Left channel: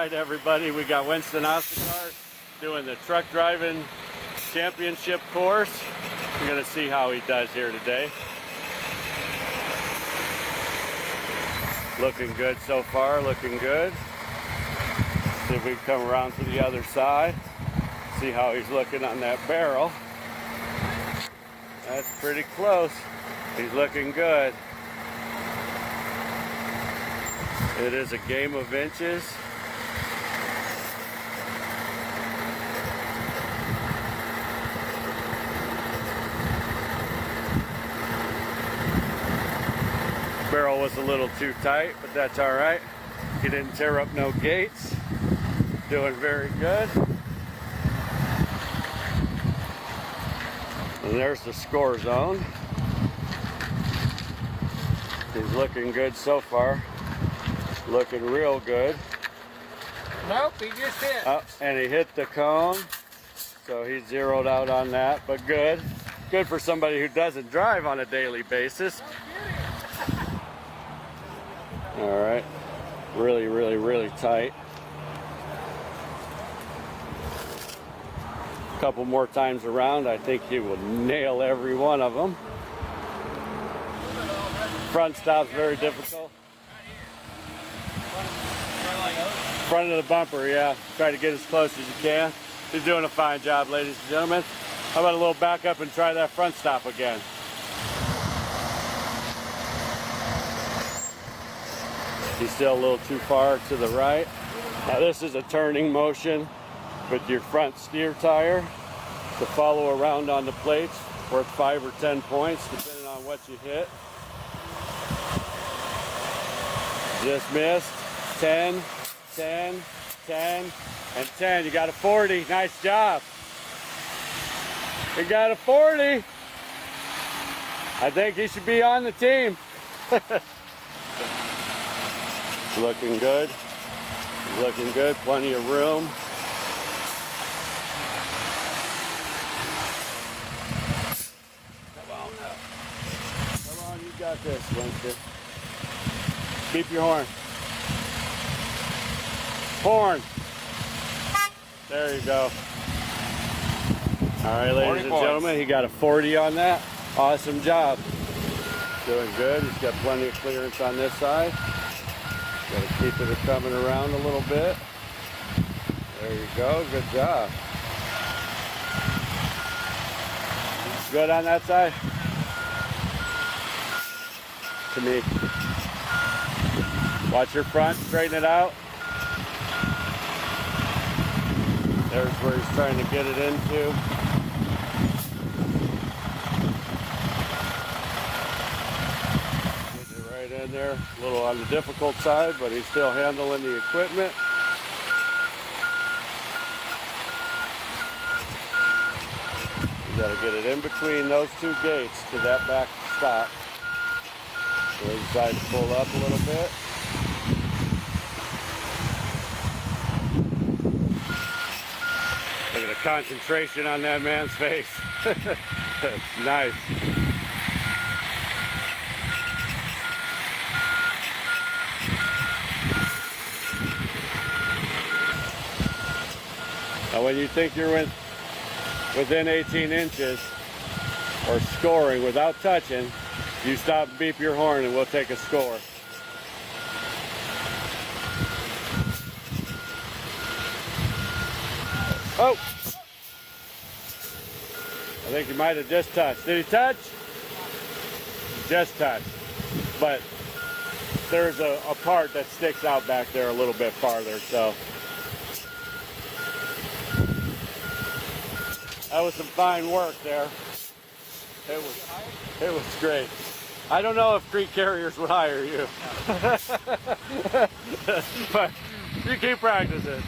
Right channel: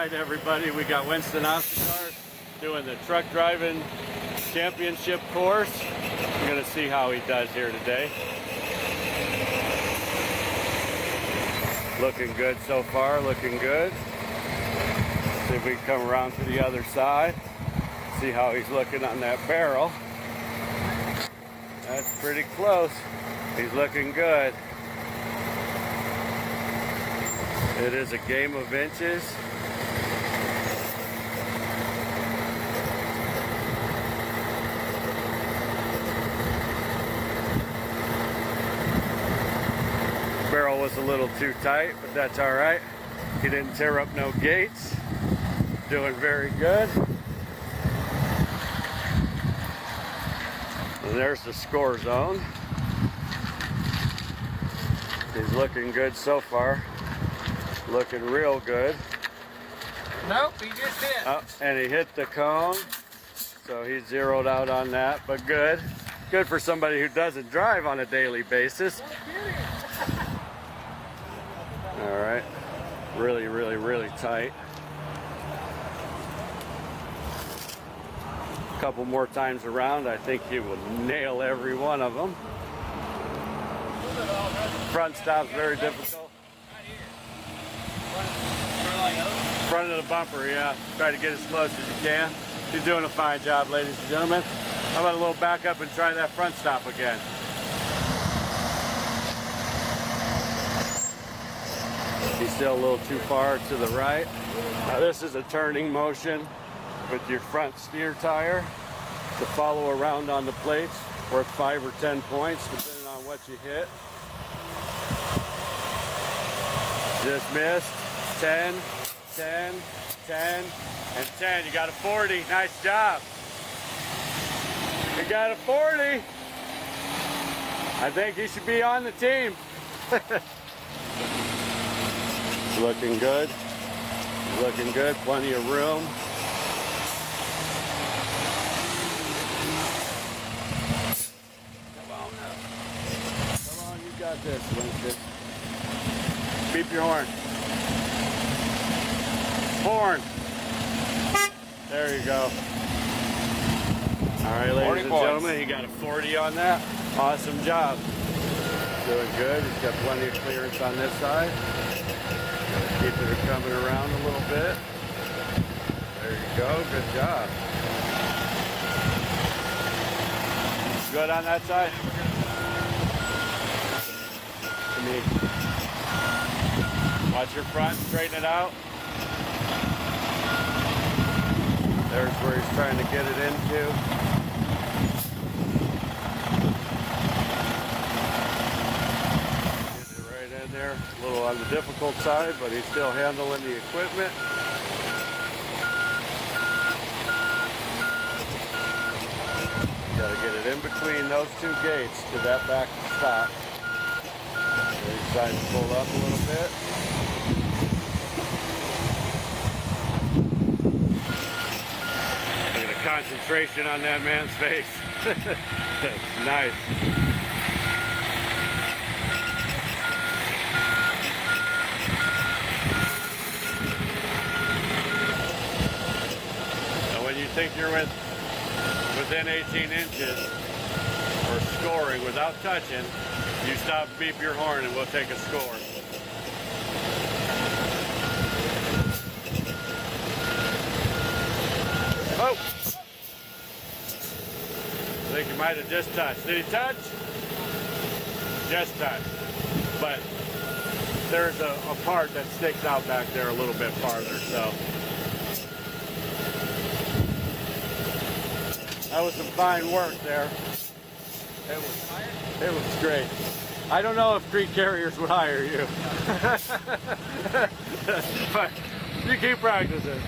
right, everybody, we got Winston Ostergard doing the truck driving championship course. We're going to see how he does here today. Looking good so far, looking good. See if we can come around to the other side. See how he's looking on that barrel. That's pretty close. He's looking good. It is a game of inches. Barrel was a little too tight, but that's all right. He didn't tear up no gates. Doing very good. And there's the score zone. He's looking good so far. Looking real good. Nope, he just hit. Oh, and he hit the cone. So he zeroed out on that, but good. Good for somebody who doesn't drive on a daily basis. All right. Really, really, really tight. A couple more times around, I think he will nail every one of them. Front stop's very difficult. Front of the bumper, yeah. Try to get as close as you can. He's doing a fine job, ladies and gentlemen. How about a little back up and try that front stop again? He's still a little too far to the right. Now this is a turning motion with your front steer tire to follow around on the plates, worth 5 or 10 points depending on what you hit. Just missed. 10, 10, 10, and 10. You got a 40. Nice job. You got a 40. I think he should be on the team. Looking good. Looking good. Plenty of room. Come on now. Come on, you got this, Winston. Beep your horn. Horn. There you go. All right, ladies and gentlemen, he got a 40 on that. Awesome job. Doing good. He's got plenty of clearance on this side. Got to keep it coming around a little bit. There you go. Good job. Good on that side? To me. Watch your front. Straighten it out. There's where he's trying to get it into. Get it right in there. A little on the difficult side, but he's still handling the equipment. You got to get it in between those two gates to that back top. So he decides to pull up a little bit. Look at the concentration on that man's face. Nice. Now when you think you're within 18 inches or scoring without touching, you stop, beep your horn, and we'll take a score. Oh! I think he might have just touched. Did he touch? Just touched. But there's a part that sticks out back there a little bit farther, so. That was some fine work there. It was great. I don't know if Crete carriers would hire you. But you keep practicing.